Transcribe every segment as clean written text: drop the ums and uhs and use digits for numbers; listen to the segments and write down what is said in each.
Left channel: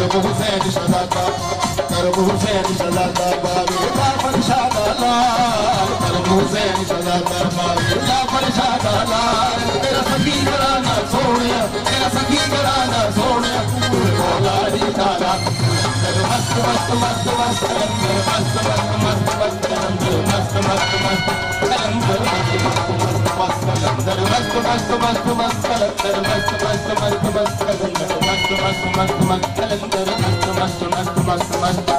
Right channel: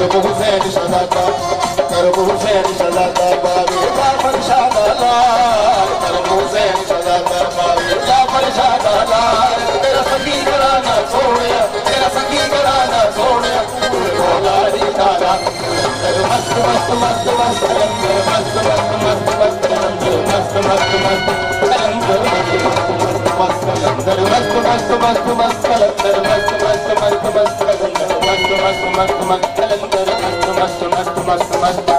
करब हुसैन शहजादा करब हुसैन शहजादा बाबे जाफर शाहलाल करब हुसैन शहजादा बाबे जाफर शाहलाल तेरा सखी घराना सोनिया तेरा सखी घराना सोनिया तू मौला दी तारा मस्त मस्त मस्त मस्त मस्त मस्त मस्त मस्त मस्त मस्त मस्त कलंदर मस्त मस्त मस्त मस्त कलंदर मस्त मस्त मस्त मस्त कलंदर मस्त मस्त मस्त मस्त कलंदर मस्त मस्त मस्त मस्त मस्त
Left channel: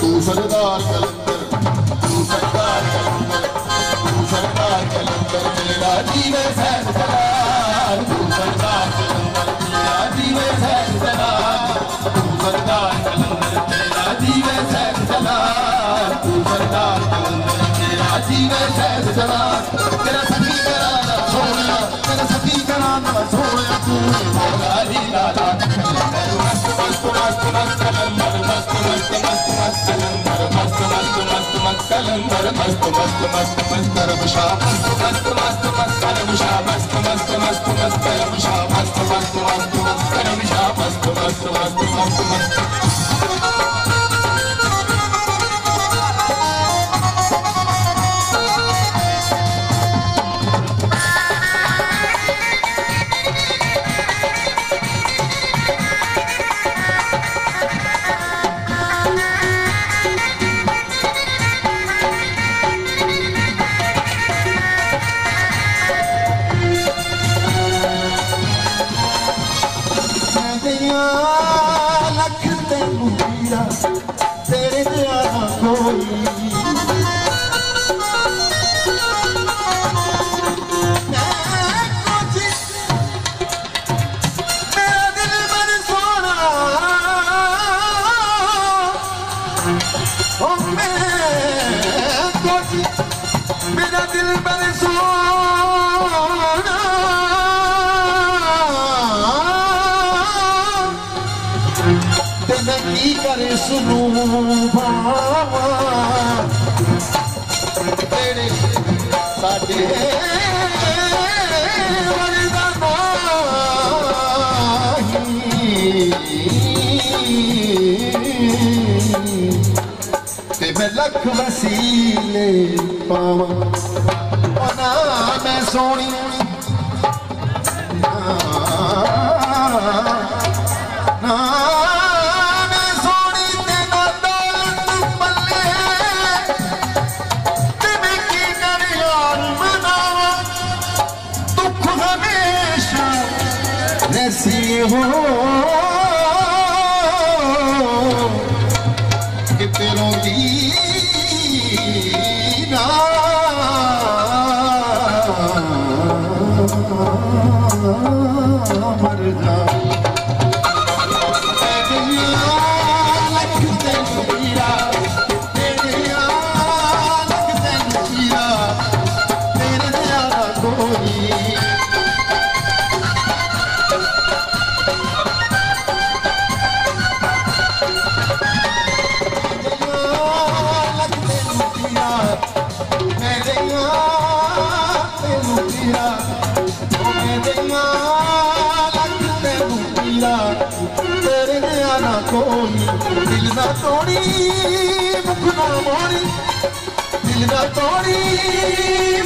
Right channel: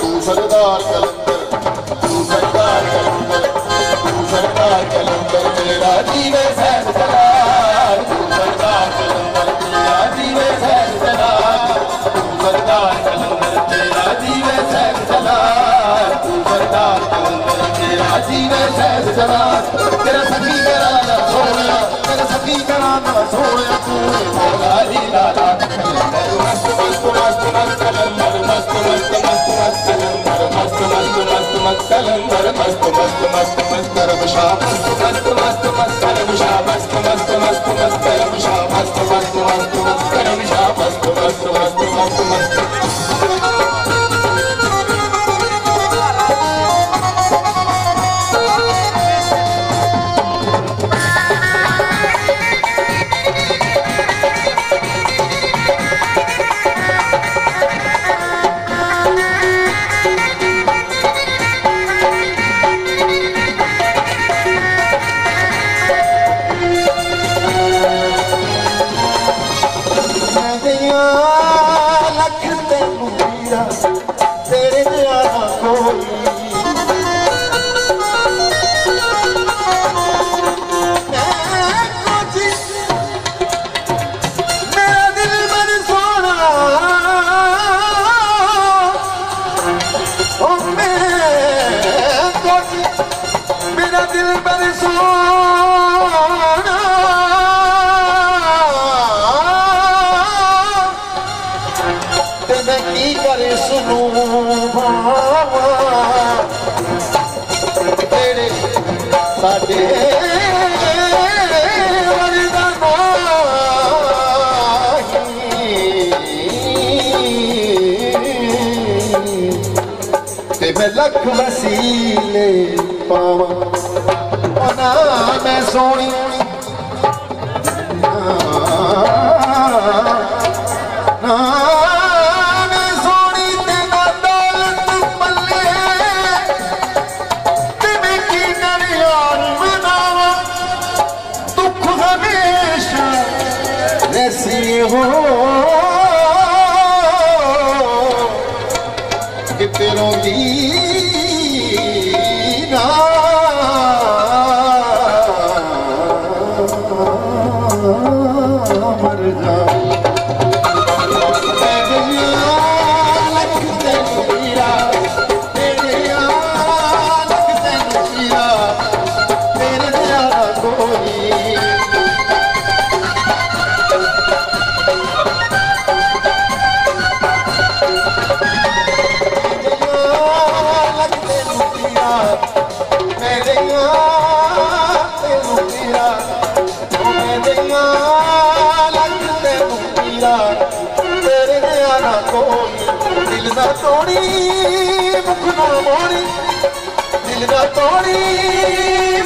तू सरदार कलंदर तू सरदार कलंदर तू सरदार कलंदर मेरा जीवे सैन सलार तू सरदार कलंदर मेरा जीवे सैन सलार तू सरदार कलंदर मेरा जीवे सैन सलार तू सरदार कलंदर मेरा जीवे सैन सलार तेरा सखी कराना सोनिया तेरा सखी कराना सोनिया तू मौला ही लाला मस्त मस्त मस्त मस्त कलंदर मस्त मस्त मस्त मस्त कलंदर मस्त मस्त मस्त मस्त कलंदर मस्त मस्त मस्त मस्त करब शाह मस्त मस्त मस्त मस्त करब शाह मस्त मस्त मस्त मस्त करब शाह मस्त मस्त मस्त मस्त करब शाह मस्त मस्त मस्त मस्त मस्त लख वसीले पावा ना मैं सोनी ना मैं सोनी तेना दौलत पल्ले ते मैं की कर यार मनावा दुख हमेशा ऐसी हो कि तेरों दी मर जाऊं दिल ना तोड़ी मुख ना मोड़ी दिल ना तोड़ी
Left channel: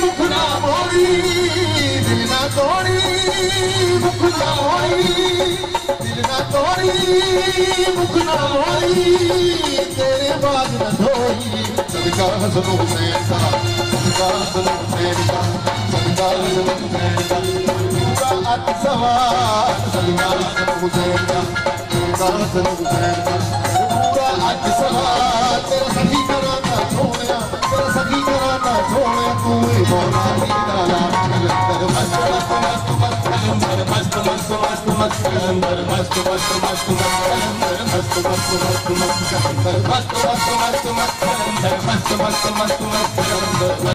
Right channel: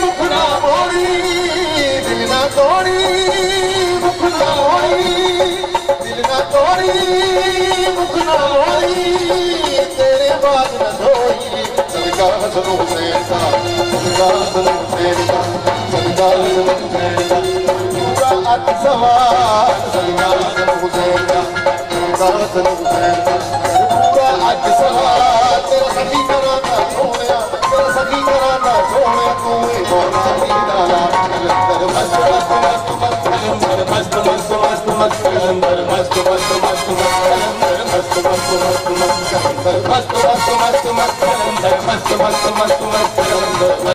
मुख ना मोड़ी दिल ना तोड़ी मुख ना मोड़ी दिल ना तोड़ी मुख ना मोड़ी तेरे बाद न धोई सदका हसन हुसैन का, सदका हसन हुसैन का, सदका हसन हुसैन का, पूरा अत सवार सदका हसन हुसैन का, सदका हसन हुसैन का, पूरा अत सवार तेरा सखी कराना सोनिया, तेरा सखी कराना सोनिया, तू ही मौला दीना ला कलंदर मस्त मस्त मस्त मस्त कलंदर मस्त मस्त मस्त मस्त कलंदर मस्त मस्त मस्त मस्त कलंदर मस्त मस्त मस्त मस्त कलंदर मस्त मस्त मस्त मस्त कलंदर मस्त मस्त मस्त मस्त कलंदर।